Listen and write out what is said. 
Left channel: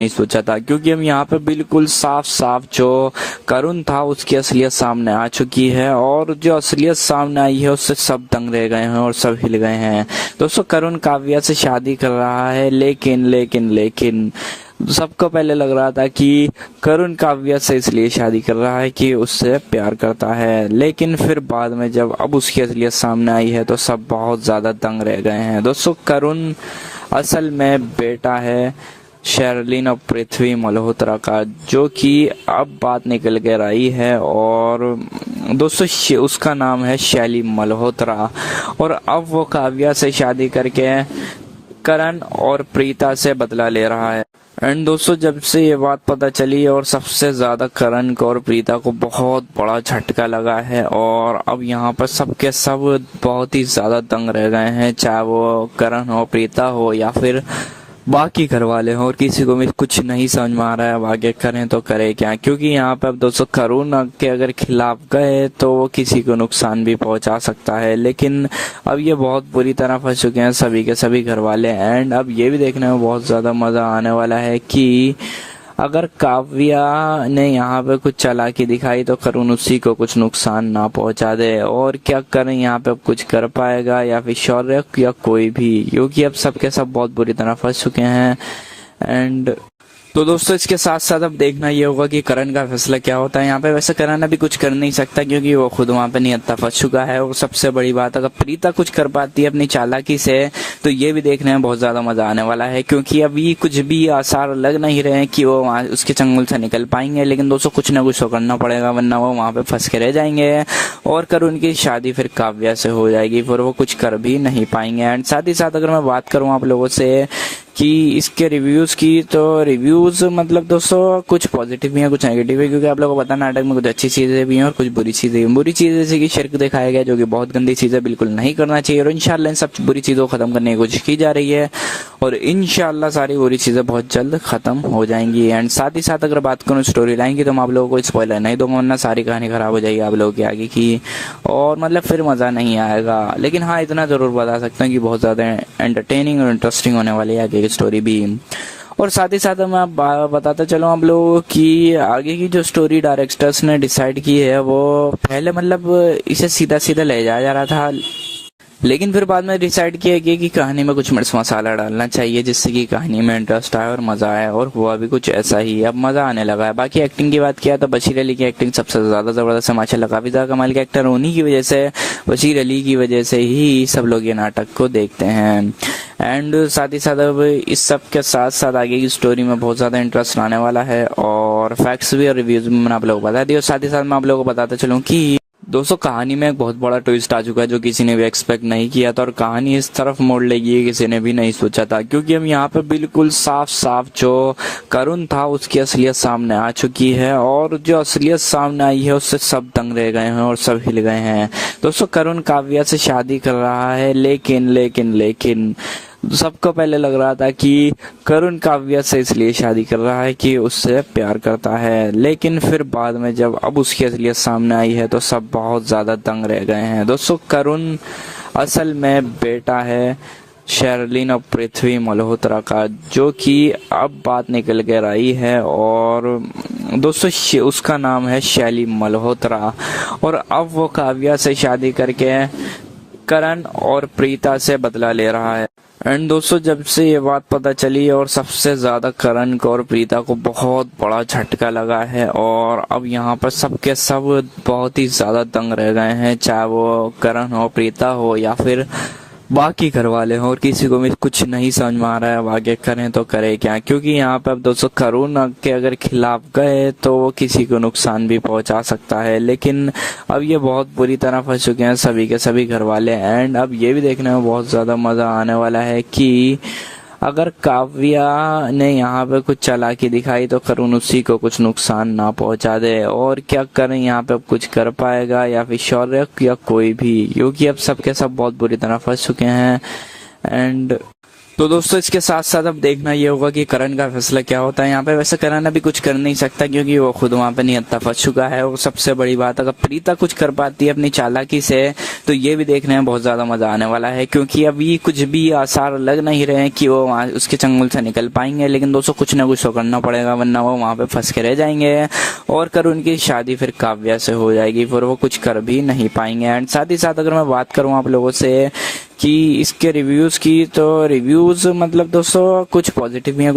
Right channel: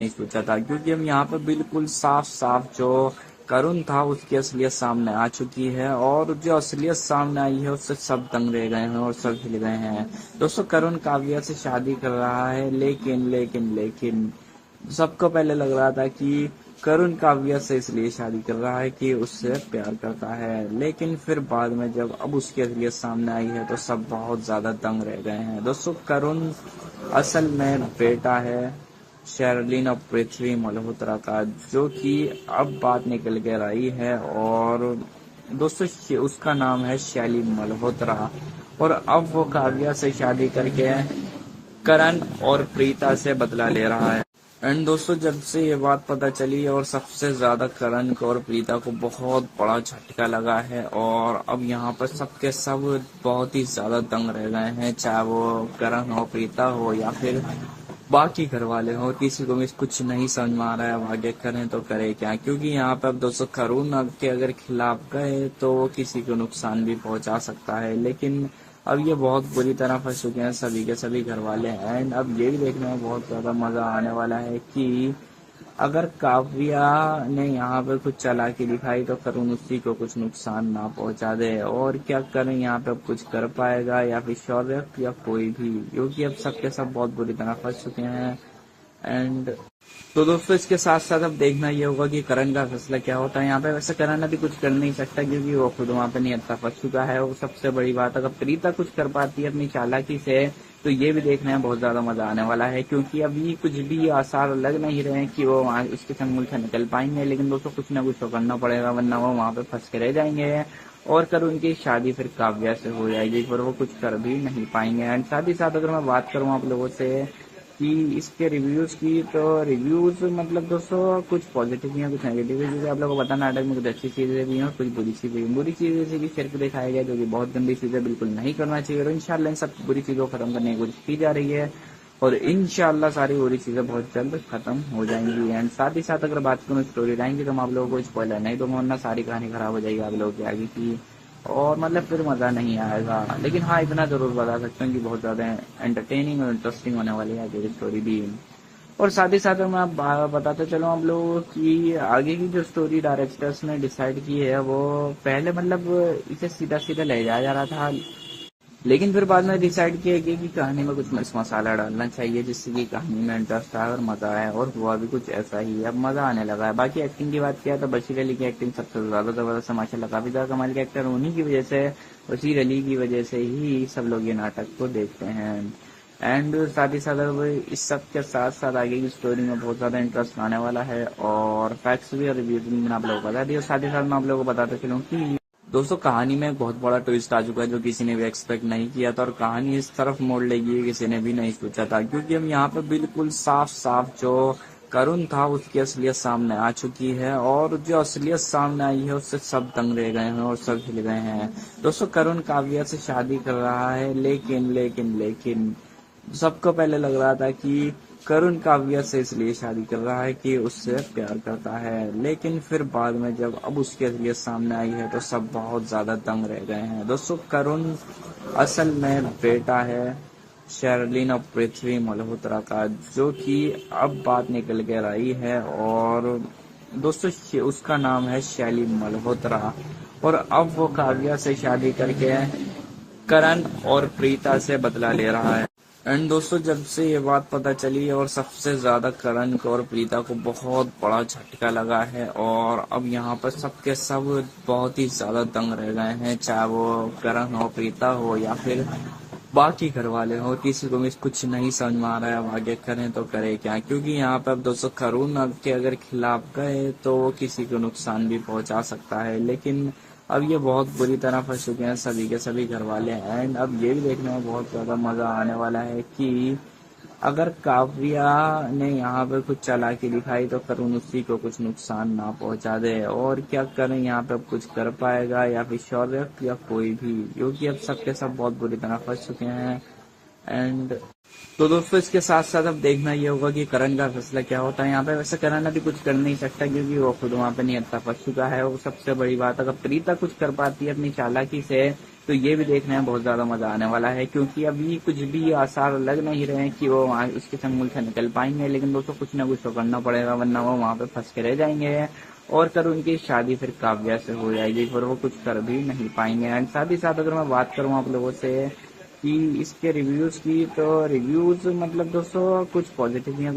नहीं सोचा था, क्योंकि हम यहाँ पे बिल्कुल साफ साफ जो करुण था उसकी असलियत सामने आ चुकी है, और जो असलियत सामने आई है उससे सब दंग रह गए हैं और सब हिल गए हैं। दोस्तों, करुण काव्या से शादी कर रहा है, लेकिन सबको पहले लग रहा था कि करुण काव्या से इसलिए शादी कर रहा है कि उससे प्यार करता है, लेकिन फिर बाद में जब अब उसकी असलियत सामने आई है तो सब बहुत ज्यादा दंग रह गए हैं। दोस्तों, करुण असल में बेटा है शेरलिन और पृथ्वी मल्होत्रा का, जो कि अब बात निकल कर आई है, और दोस्तों उसका नाम है शैली मल्होत्रा, और अब वो काव्या से शादी करके करण और प्रीता से बदला ले रहा है। एंड दोस्तों, जब से ये बात पता चली और सबसे ज्यादा करण को और प्रीता को बहुत बड़ा झटका लगा है, और अब यहाँ पर सबके सब बहुत ही ज्यादा दंग रह गए हैं, चाहे वो करण हो, प्रीता हो, या फिर बाकी घर वाले हों, और किसी को भी कुछ नहीं समझ में आ रहा है अब आगे करें तो करें क्या। क्योंकि यहाँ पे अब दोस्तों करुण के अगर खिलाफ गए तो वो किसी को नुकसान भी पहुंचा सकता है, लेकिन अब ये बहुत बुरी तरह फंस चुके हैं सभी के सभी घर वाले। एंड अब ये भी देखने में बहुत ज्यादा मजा आने वाला है कि अगर काव्या ने यहाँ पे कुछ चालाकी दिखाई तो करुण उसी को कुछ नुकसान ना पहुंचा दे, और क्या करें यहाँ पे अब कुछ कर पाएगा या फिर शौर्य या कोई भी, क्योंकि अब सबके सब बहुत बुरी तरह फंस चुके हैं। एंड तो दोस्तों, इसके साथ साथ अब देखना ये होगा कि करण का फैसला क्या होता है यहाँ पे। वैसे करण अभी कुछ कर नहीं सकता क्योंकि वो खुद वहां पे निहत्था फंस चुका है, और सबसे बड़ी बात अगर प्रीता कुछ कर पाती है अपनी चालाकी से तो ये भी देखने में बहुत ज्यादा मजा आने वाला है, क्योंकि अभी कुछ भी आसार लग नहीं रहे हैं कि वो वहां उसके चंगुल से निकल पाएंगे। लेकिन दोस्तों, कुछ ना कुछ तो करना पड़ेगा, वरना वो वहां पे फंस के रह जाएंगे और करुण की शादी फिर काव्या से हो जाएगी, फिर वो कुछ कर भी नहीं पाएंगे। एंड साथ ही साथ अगर मैं बात करूँ आप लोगों से कि इसके रिव्यूज की, तो रिव्यूज मतलब दोस्तों कुछ पॉजिटिव भी है कुछ नेगेटिव है, क्योंकि आप लोगों को पता है नाटक में कुछ अच्छी चीजें भी हैं और कुछ बुरी चीजें भी। बुरी चीजें जैसे कि शिर्क दिखाया गया, जो कि बहुत गंदी चीजें, बिल्कुल नहीं करना चाहिए, और इंशाल्लाह इन सब बुरी चीजों को खत्म करने की कोशिश की जा रही है, और इंशाल्लाह सारी बुरी चीजें बहुत जल्द खत्म हो जाएंगी। एंड साथ ही साथ अगर बात करूँ स्टोरी लाइन की, तो मैं आप लोगों को स्पॉइलर नहीं दूंगा, वरना सारी कहानी खराब हो जाएगी आप लोगों की आगे की, और मतलब फिर मजा नहीं आएगा। लेकिन हाँ, इतना जरूर बता सकता हूँ कि बहुत ज्यादा एंटरटेनिंग और इंटरेस्टिंग होने वाली है आगे की स्टोरी भी। और साथ ही साथ मैं बताता चलूँ आप लोगों की आगे की जो स्टोरी डायरेक्टर्स ने डिसाइड की है, वो पहले मतलब इसे सीधा सीधा ले जाया जा रहा था, लेकिन फिर बाद में डिसाइड किया गया कि कहानी में कुछ मिर्च मसाला डालना चाहिए जिससे कि कहानी में इंटरेस्ट आए और मजा आए, और हुआ भी कुछ ऐसा ही, अब मजा आने लगा है। बाकी एक्टिंग की बात किया तो बशीर अली की एक्टिंग सबसे ज्यादा जबरदस्त है माशाल्लाह, काफी ज्यादा कमाल के एक्टर उन्हीं की वजह से, बशीर अली की वजह से ही सब लोग ये नाटक को देखते हैं। एंड साथ ही साथ अब इस सब के साथ साथ आगे की स्टोरी में बहुत ज्यादा इंटरेस्ट आने वाला है, और फैक्ट्स भी और रिव्यूज भी मैंने आप लोगों को बता दिया। और साथ ही साथ मैं आप लोगों को बताता चलूँ कि दोस्तों कहानी में एक बहुत बड़ा ट्विस्ट आ चुका है जो किसी ने भी एक्सपेक्ट नहीं किया था, और कहानी इस तरफ मोड़ लेगी किसी ने भी नहीं सोचा था, क्योंकि हम यहाँ पे बिल्कुल साफ साफ जो करुण था उसकी असलियत सामने आ चुकी है, और जो असलियत सामने आई है उससे सब दंग रह गए हैं और सब हिल गए हैं। दोस्तों, करुण काव्या से शादी कर रहा है, लेकिन सबको पहले लग रहा था कि करुण काव्या से इसलिए शादी कर रहा है कि उससे प्यार करता है, लेकिन फिर बाद में जब अब उसकी असलियत सामने आई है तो सब बहुत ज्यादा दंग रह गए हैं। दोस्तों, करुण असल में बेटा है शेरलिन और पृथ्वी मल्होत्रा का, जो कि अब बात निकल कर आई है, और दोस्तों उसका नाम है शैली मल्होत्रा, और अब वो काव्या से शादी करके करण और प्रीता से बदला ले रहा है। एंड दोस्तों, जब से ये बात पता चली और सबसे ज्यादा करण को और प्रीता को बहुत बड़ा झटका लगा है, और अब यहाँ पर सबके सब बहुत ही ज्यादा दंग रह गए हैं, चाहे वो करण हो, प्रीता हो, या फिर बाकी घर वाले हों, और किसी को भी कुछ नहीं समझ में आ रहा है अब आगे करें तो करें क्या। क्योंकि यहाँ पे अब दोस्तों करुण के अगर खिलाफ गए तो वो किसी को नुकसान भी पहुंचा सकता है, लेकिन अब ये बहुत बुरी तरह फंस चुके हैं सभी के सभी घर वाले। एंड अब ये भी देखने में बहुत ज्यादा मजा आने वाला है कि अगर काव्या ने यहाँ पे कुछ चालाकी दिखाई तो करुण उसी को कुछ नुकसान ना पहुंचा दे, और क्या करें यहाँ पे अब कुछ कर पाएगा या फिर शौर्य या कोई भी, क्योंकि अब सबके सब बहुत बुरी तरह फंस चुके हैं। एंड तो दोस्तों इसके साथ साथ अब देखना ये होगा कि करण का फैसला क्या होता है यहाँ पे। वैसे करण अभी कुछ कर नहीं सकता क्योंकि वो खुद वहाँ पे निहत्था फंस चुका है। वो सबसे बड़ी बात, अगर प्रीता कुछ कर पाती है अपनी चालाकी से तो ये भी देखने में बहुत ज्यादा मजा आने वाला है, क्योंकि अभी कुछ भी आसार लग नहीं रहे हैं कि वो वहाँ उसके चंगुल से निकल पाएंगे। लेकिन दोस्तों कुछ ना कुछ तो करना पड़ेगा, वरना वो वहाँ पे फंस के रह जाएंगे और करण की शादी फिर काव्या से हो जाएगी, फिर वो कुछ कर भी नहीं पाएंगे। एंड साथ ही साथ अगर मैं बात करूँ आप लोगों से कि इसके रिव्यूज की, तो रिव्यूज मतलब दोस्तों कुछ पॉजिटिव भी हैं